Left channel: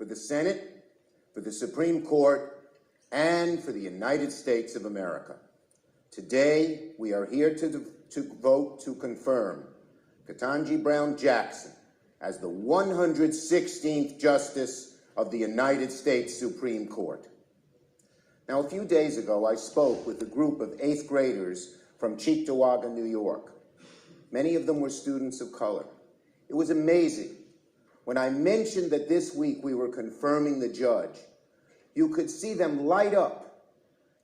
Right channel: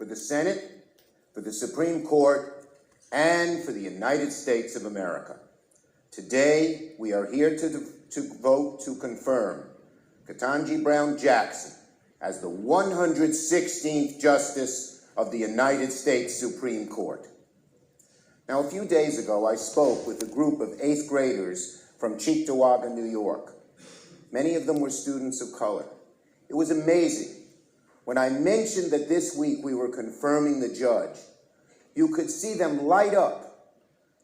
for the Senate, for the Supreme Court, and for the United States of America. Today, we are here to vote to confirm Ketanji Brown Jackson as the 116th Justice of the United States Supreme Court. Now, a few days ago, I spoke with a group of 8th graders from Cheektowaga, New York. Many of them were students of color. It was amazing. When I mentioned that this week we were confirming the judge, you could see them light up,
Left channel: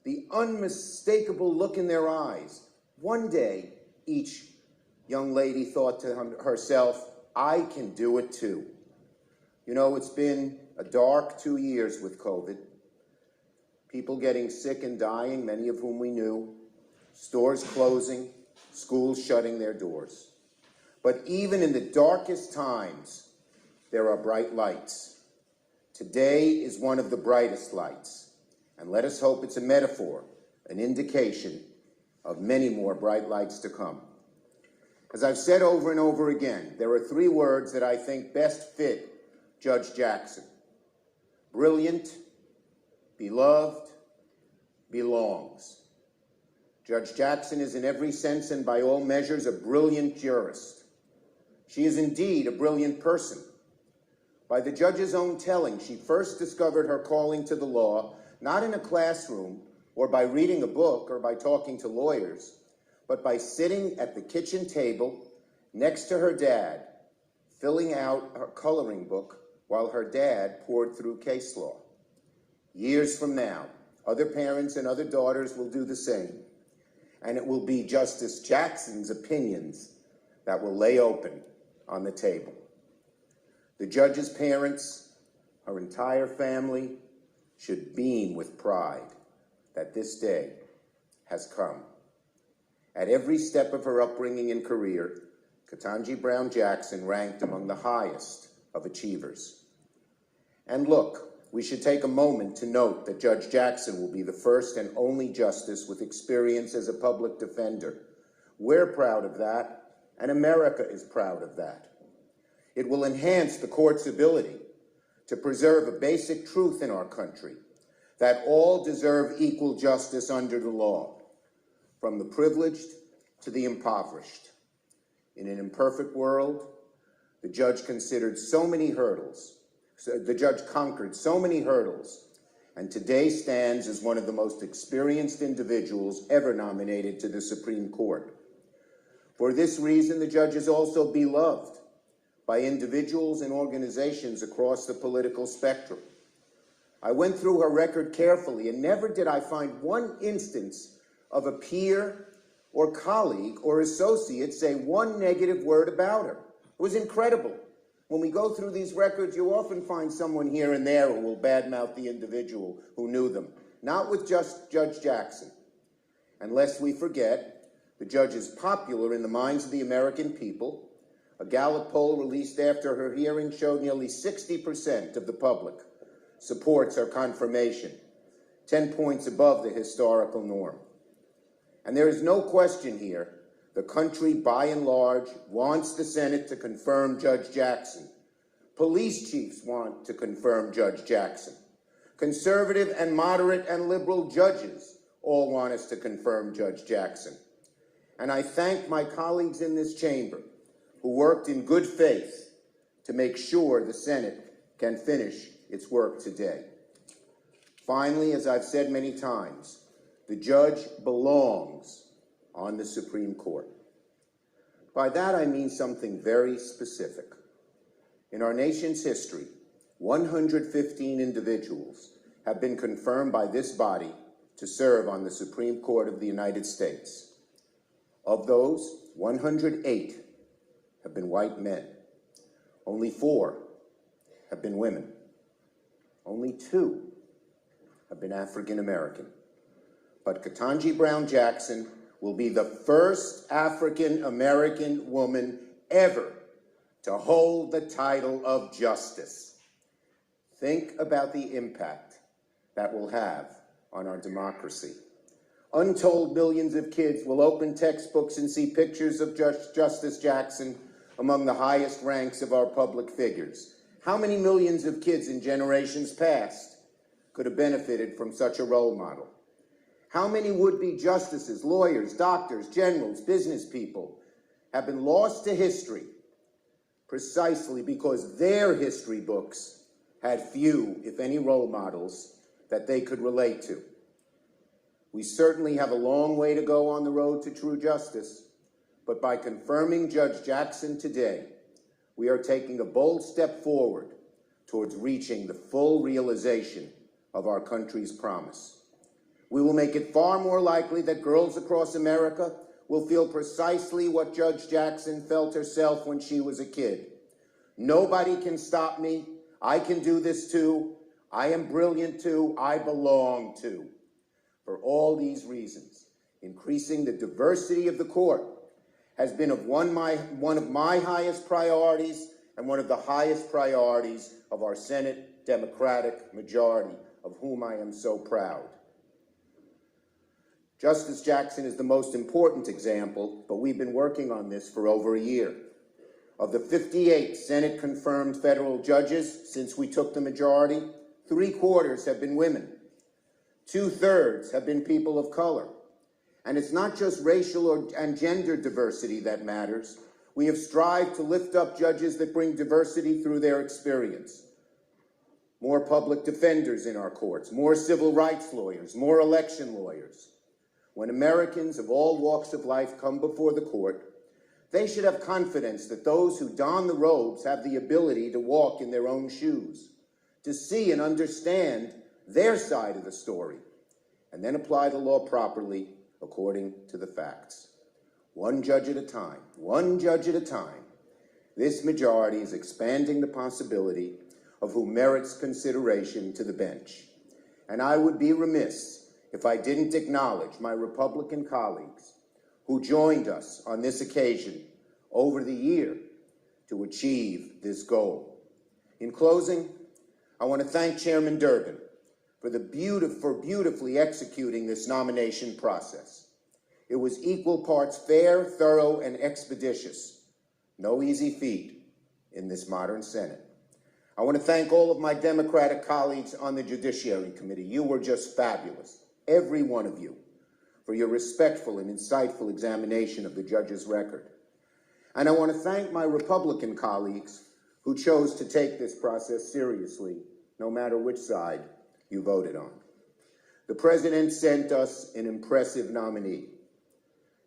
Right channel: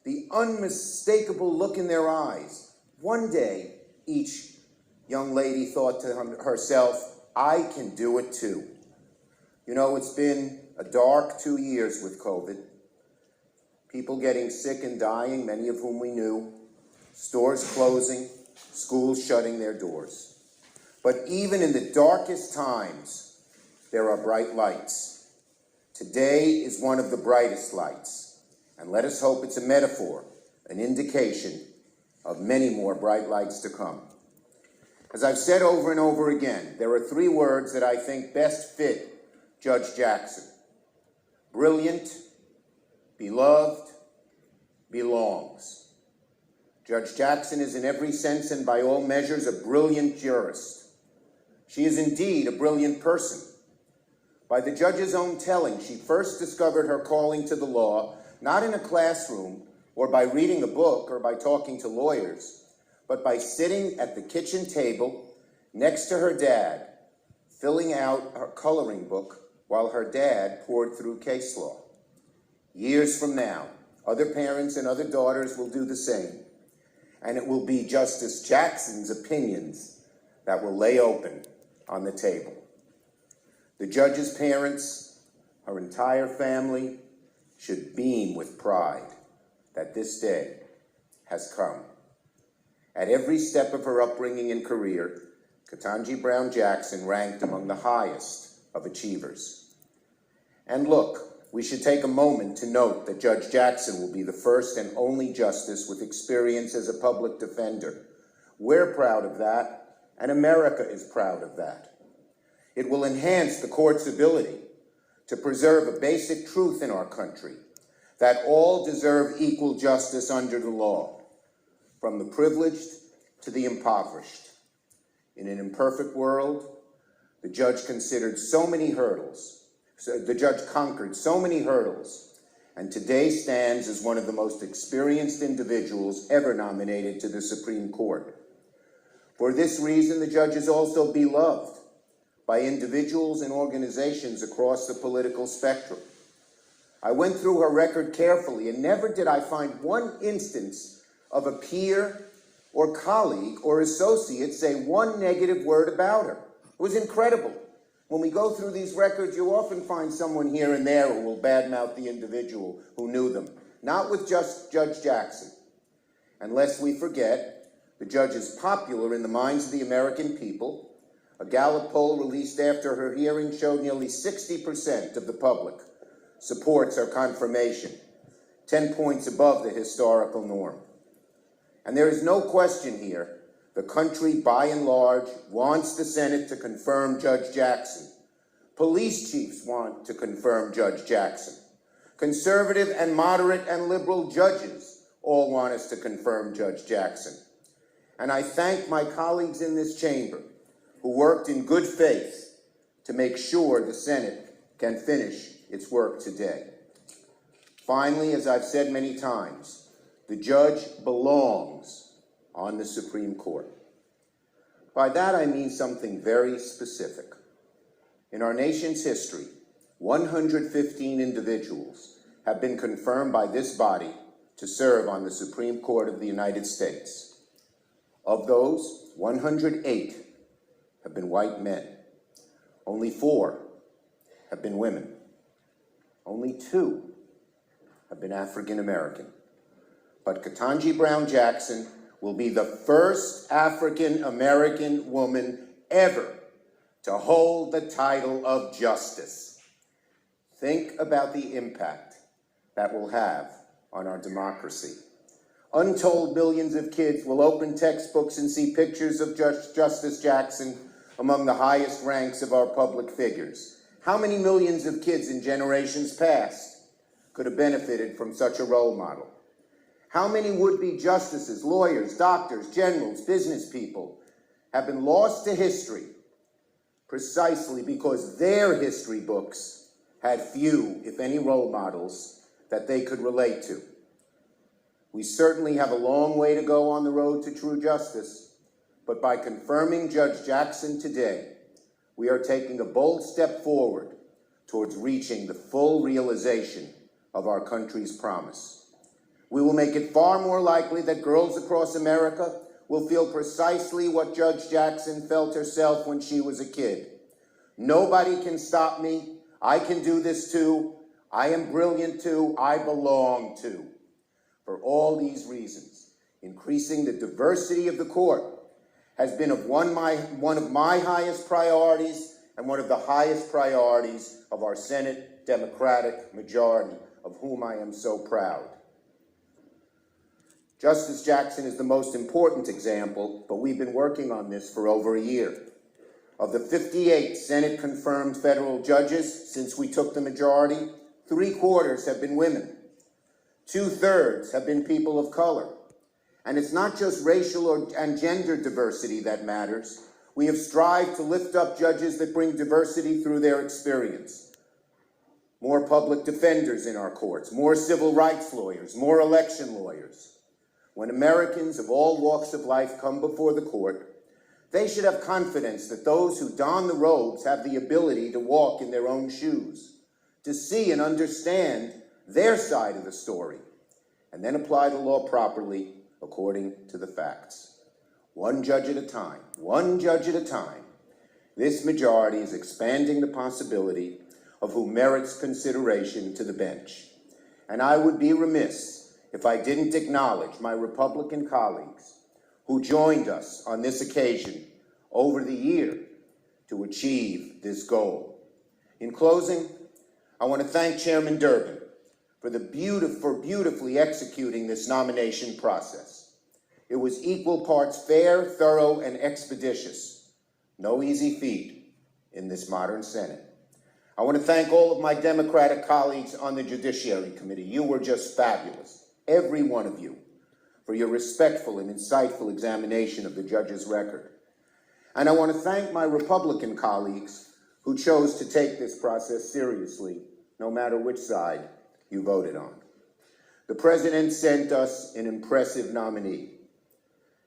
the unmistakable look in their eyes. One day, each young lady thought to herself, I can do it too. You know, it's been a dark 2 years with COVID. People getting sick and dying, many of whom we knew, stores closing, schools shutting their doors. But even in the darkest times, there are bright lights. Today is one of the brightest lights, and let us hope it's a metaphor, an indication of many more bright lights to come. As I've said over and over again, there are 3 words that I think best fit Judge Jackson: brilliant, beloved, belongs. Judge Jackson is in every sense and by all measures a brilliant jurist. She is indeed a brilliant person. By the judge's own telling, she first discovered her calling to the law, not in a classroom or by reading a book or by talking to lawyers, but by sitting at the kitchen table next to her dad, filling out her coloring book while her dad poured through case law. Years from now, other parents and other daughters will do the same, and it will be Justice Jackson's opinions that will lay open on the table. The judge's parents, her entire family, should beam with pride that this day has come. At every step of her upbringing and career, Ketanji Brown Jackson ranked among the highest of achievers. And look, we should take a moment to note that Judge Jackson will be the first and only justice with experience as a public defender. We're proud of that, and America is proud of that. It will enhance the court's ability to preserve a basic truth in our country, that all deserve equal justice under the law, from the privileged to the impoverished. In an imperfect world, the judge conquered so many hurdles, and today stands as one of the most experienced individuals ever nominated to the Supreme Court. For this reason, the judge is also beloved by individuals and organizations across the political spectrum. I went through her record carefully, and never did I find one instance of a peer or colleague or associate say one negative word about her. It was incredible. When we go through these records, you often find someone here and there who will badmouth the individual who knew them. Not with just Judge Jackson. And lest we forget, the judge is popular in the minds of the American people. A Gallup poll released after her hearing showed nearly 60% of the public supports her confirmation, 10 points above the historical norm. And there is no question here, the country by and large wants the Senate to confirm Judge Jackson. Police chiefs want to confirm Judge Jackson. Conservative and moderate and liberal judges all want us to confirm Judge Jackson. And I thank my colleagues in this chamber who worked in good faith to make sure the Senate can finish its work today. Finally, as I've said many times, the judge belongs on the Supreme Court. By that I mean something very specific. In our nation's history, 115 individuals have been confirmed by this body to serve on the Supreme Court of the United States. Of those, 108 have been white men. Only 4 have been women. Only 2 have been African American. But Ketanji Brown Jackson will be the first African American woman ever to hold the title of justice. Think about the impact that will have on our democracy. Untold millions of kids will open textbooks and see pictures of Justice Jackson among the highest ranks of our public figures. How many millions of kids in generations past could have benefited from such a role model? How many would-be justices, lawyers, doctors, generals, business people have been lost to history precisely because their history books had few, if any, role models that they could relate to? We certainly have a long way to go on the road to true justice, but by confirming Judge Jackson today, we are taking a bold step forward towards reaching the full realization of our country's promise. We will make it far more likely that girls across America will feel precisely what Judge Jackson felt herself when she was a kid. Nobody can stop me. I can do this too. I am brilliant too. I belong too. For all these reasons, increasing the diversity of the court has been one of my highest priorities and one of the highest priorities of our Senate Democratic majority, of whom I am so proud. Justice Jackson is the most important example, but we've been working on this for over a year. Of the 58 Senate-confirmed federal judges since we took the majority, 3/4 have been women. 2/3 have been people of color. And it's not just racial and gender diversity that matters. We have strived to lift up judges that bring diversity through their experience. More public defenders in our courts, more civil rights lawyers, more election lawyers. When Americans of all walks of life come before the court, they should have confidence that those who don the robes have the ability to walk in their own shoes, to see and understand their side of the story, and then apply the law properly according to the facts. One judge at a time, one judge at a time, this majority is expanding the possibility of who merits consideration to the bench. And I would be remiss if I didn't acknowledge my Republican colleagues who joined us on this occasion over the year to achieve this goal. In closing, I want to thank Chairman Durbin for beautifully executing this nomination process. It was equal parts fair, thorough, and expeditious. No easy feat in this modern Senate. I want to thank all of my Democratic colleagues on the Judiciary Committee. You were just fabulous, every one of you, for your respectful and insightful examination of the judge's record. And I want to thank my Republican colleagues who chose to take this process seriously, no matter which side you voted on. The President sent us an impressive nominee.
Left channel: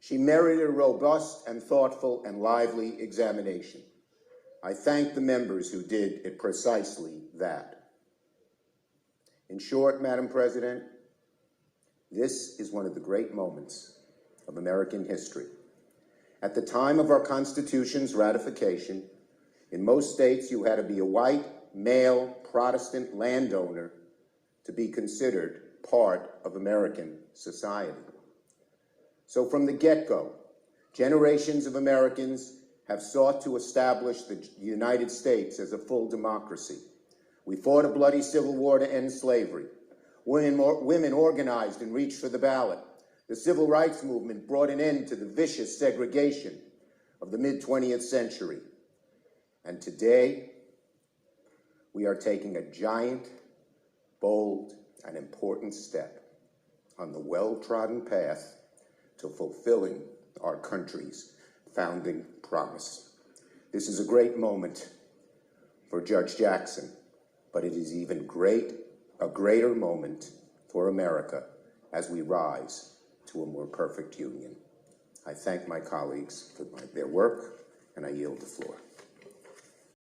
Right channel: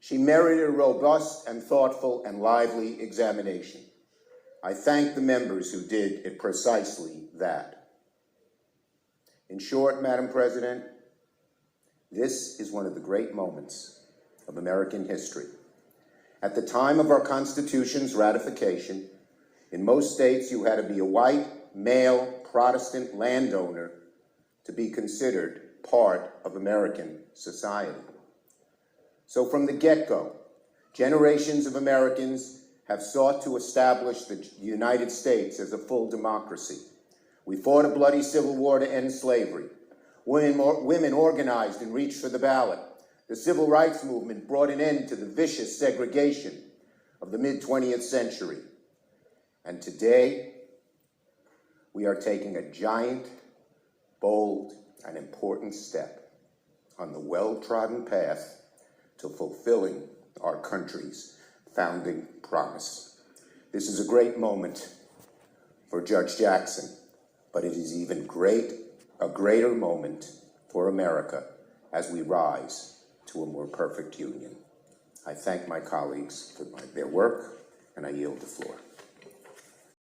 She merited a robust and thoughtful and lively examination. I thank the members who did it precisely that. In short, Madam President, this is one of the great moments of American history. At the time of our Constitution's ratification, in most states you had to be a white, male, Protestant landowner to be considered part of American society. So from the get-go, generations of Americans have sought to establish the United States as a full democracy. We fought a bloody civil war to end slavery. Women organized and reached for the ballot. The civil rights movement brought an end to the vicious segregation of the mid-20th century. And today, we are taking a giant, bold, and important step on the well-trodden path to fulfilling our country's founding promise. This is a great moment for Judge Jackson, but it is even a greater moment for America as we rise to a more perfect union. I thank my colleagues for their work, and I yield the floor.